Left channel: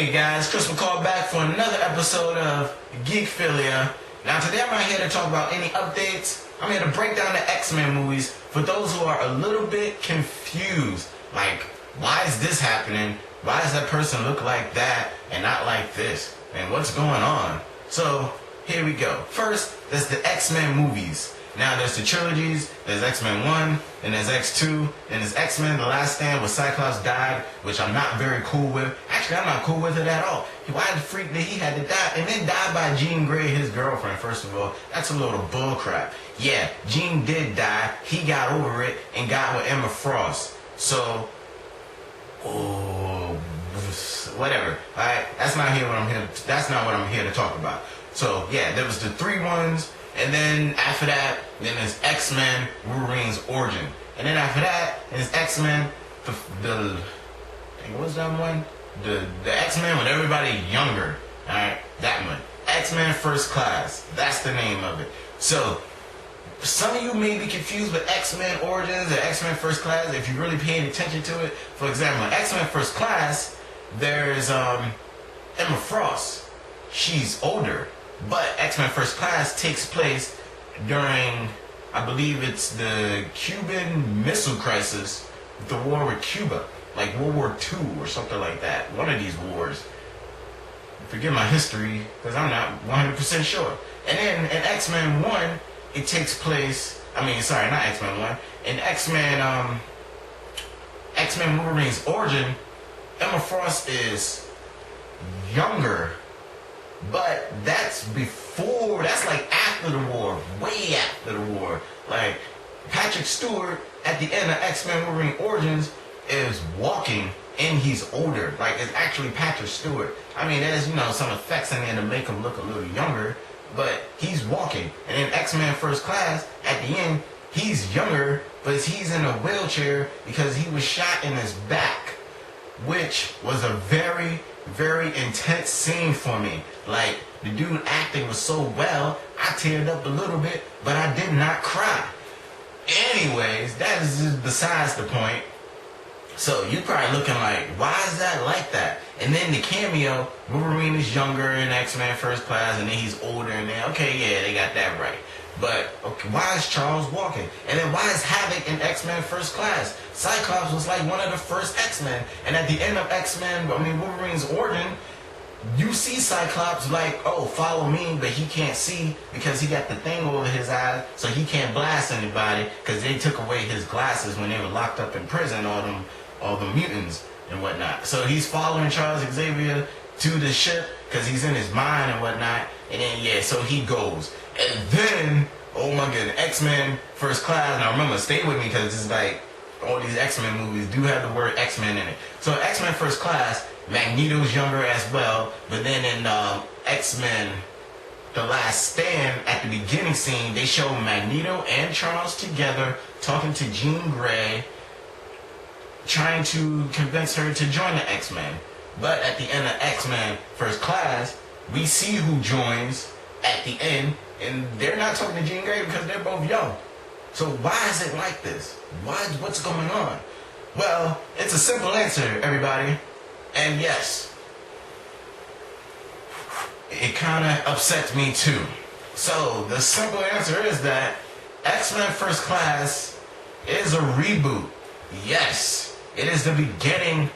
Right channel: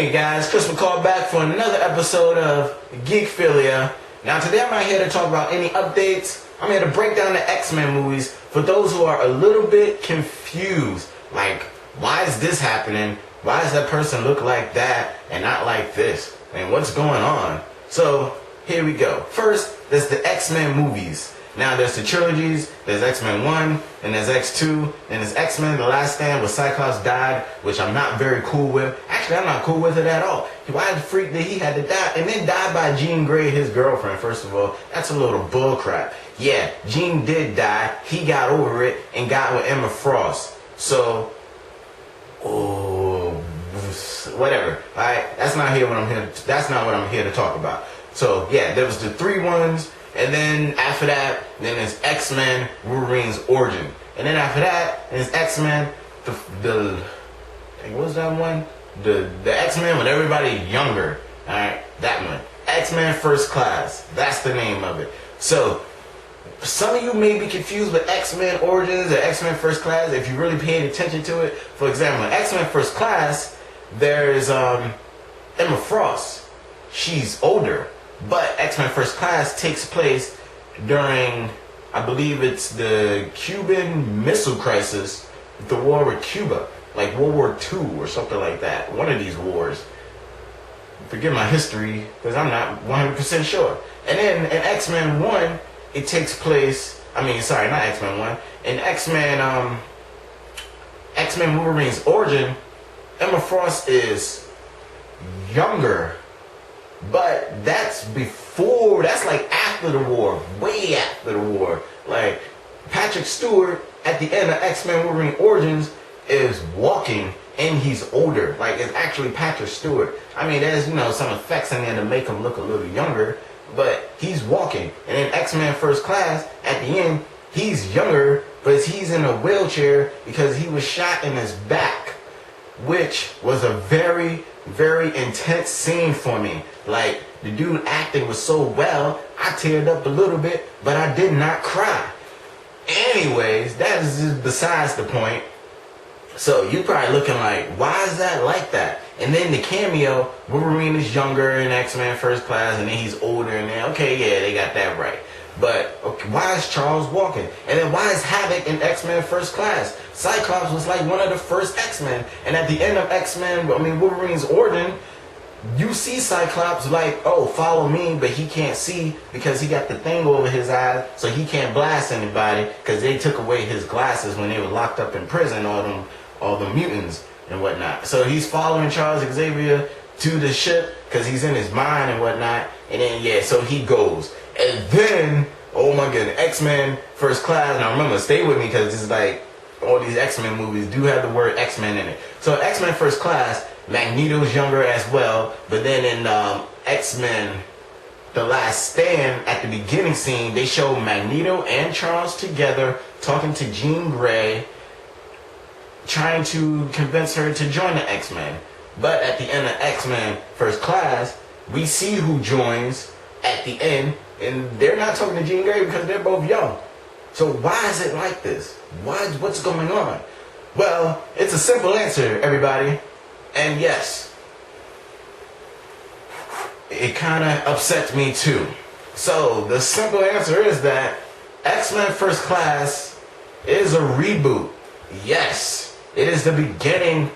Hey guys, Chris McCall back for another episode of Geekphilia. Now today I'm not here to talk about any updates. I'm here to break down the X-Men movies for those who are a little bit confused. Like, why is this happening? Why does that person look like that and not like this? And what's going on? So, here we go. First, there's the X-Men movies. Now there's the trilogies, there's X-Men 1, and there's X2, and there's X-Men The Last Stand where Cyclops died, which I'm not very cool with. Actually, I'm not cool with it at all. Why the freak that he had to die, and then die by Jean Grey, his girlfriend, first of all? That's a little bullcrap. Yeah, Jean did die, he got over it, and got with Emma Frost. So, whatever, alright? That's not what I'm here to talk about. So, yeah, there was the 3 ones. And then after that, then there's X-Men Wolverine's Origin. And then after that, there's X-Men, what was that one? The X-Men with everybody younger. Alright, that one. X-Men First Class. That's the name of it. So, some of you may be confused with X-Men Origins or X-Men First Class if you really paid attention to it. For example, in X-Men First Class, there's Emma Frost. She's older. But X-Men First Class takes place during, I believe it's the Cuban Missile Crisis, the war with Cuba, like World War II or something like that. One of these wars. Forget my history, because I'm not 100% sure. And then in X-Men 1, it takes place, not X-Men 1, in X-Men Wolverine's Origin, Emma Frost is younger. But that's like after the war, way after the war. Like, Patrick Stewart, at the end of X-Men Wolverine Origins, is walking, and he's older. Like, it's actually Patrick Stewart. I mean, there's, some effects in there to make him look a little younger, but he's walking. And in X-Men First Class, at the end, he's younger, but he's in a wheelchair because he was shot in his back, which was a very, very intense scene for me. Like, the dude acting was so well, I teared up a little bit, but I did not cry. Anyways, that is just besides the point. So you probably looking like, why is that like that? And then the cameo, Wolverine is younger in X-Men First Class, and then he's older, and then, okay, yeah, they got that right. But, okay, why is Charles walking? And then why is Havoc in X-Men First Class? Cyclops was like one of the first X-Men. And at the end of Wolverine's Origin, you see Cyclops like, oh, follow me, but he can't see because he got the thing over his eye, so he can't blast anybody because they took away his glasses when they were locked up in prison, all the mutants and whatnot. So he's following Charles Xavier to the ship because he's in his mind and whatnot. And then, so he goes. And then, oh my goodness, X-Men First Class. Now remember, stay with me because it's like all these X-Men movies do have the word X-Men in it. So X-Men First Class, Magneto's younger as well. But then in X-Men The Last Stand, at the beginning scene, they show Magneto and Charles together talking to Jean Grey, trying to convince her to join the X-Men. But at the end of X-Men First Class, we see who joins at the end, and they're not talking to Jean Grey because they're both young. So why is it like this? What's going on? Well, it's a simple answer, everybody. And yes, it kind of upsets me too. So the simple answer is that X-Men First Class is a reboot. Yes, it is the beginning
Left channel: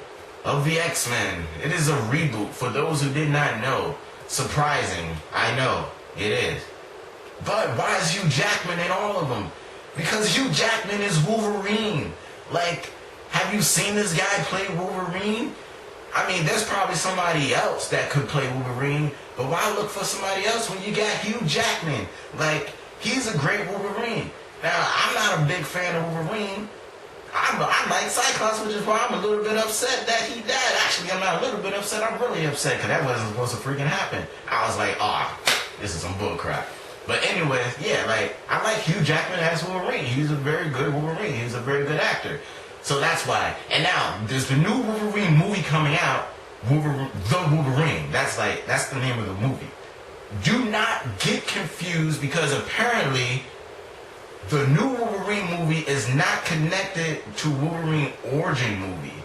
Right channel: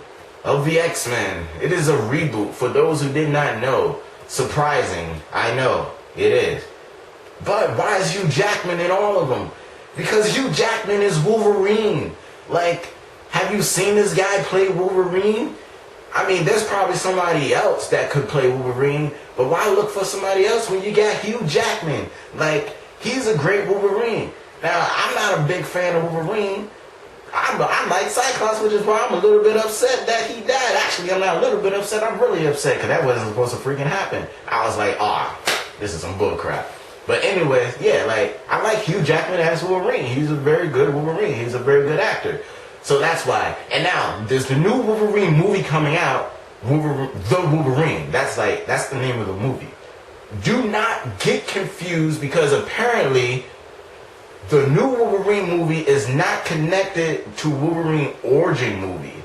of the X-Men. It is a reboot for those who did not know. Surprising, I know, it is. But why is Hugh Jackman in all of them? Because Hugh Jackman is Wolverine. Like, have you seen this guy play Wolverine? I mean, there's probably somebody else that could play Wolverine, but why look for somebody else when you got Hugh Jackman? Like, he's a great Wolverine. Now, I'm not a big fan of Wolverine. I like Cyclops, which is why I'm a little bit upset that he died. Actually, I'm not a little bit upset. I'm really upset because that wasn't supposed to freaking happen. I was like, this is some bullcrap. But anyway, yeah, like, I like Hugh Jackman as Wolverine. He's a very good Wolverine. He's a very good actor. So that's why. And now, there's the new Wolverine movie coming out, The Wolverine. That's the name of the movie. Do not get confused because apparently the new Wolverine movie is not connected to Wolverine Origin movie.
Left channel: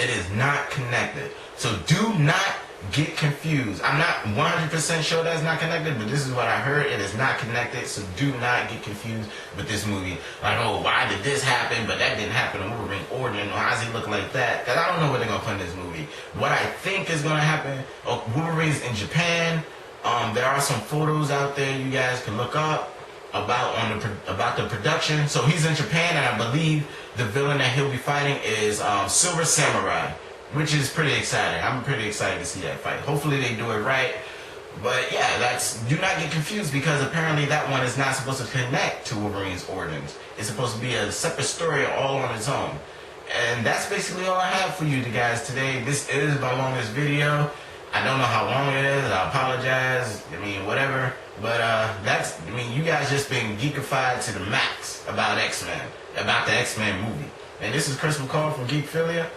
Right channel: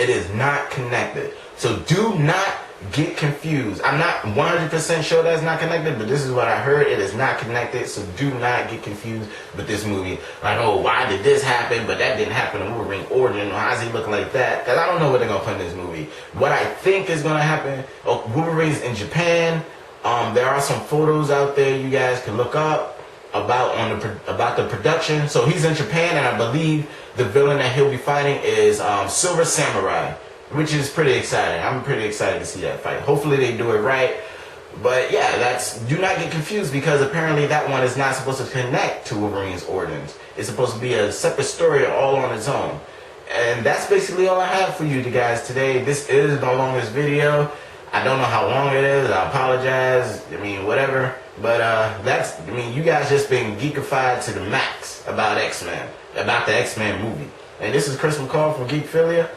It is not connected. So do not get confused. I'm not 100% sure that's not connected, but this is what I heard. It is not connected, so do not get confused with this movie. Like, oh, why did this happen, but that didn't happen in Wolverine origin? Why does he look like that? Because I don't know what they're going to put in this movie. What I think is going to happen, Wolverine's in Japan. There are some photos out there you guys can look up about the production. So he's in Japan, and I believe the villain that he'll be fighting is Silver Samurai, which is pretty exciting. I'm pretty excited to see that fight. Hopefully they do it right. But yeah, do not get confused, because apparently that one is not supposed to connect to Wolverine's origins. It's supposed to be a separate story all on its own. And that's basically all I have for you guys today. This is my longest video. I don't know how long it is. I apologize. I mean, whatever. But you guys just been geekified to the max about X-Men, about the X-Men movie. And this is Chris McCall from Geekphilia.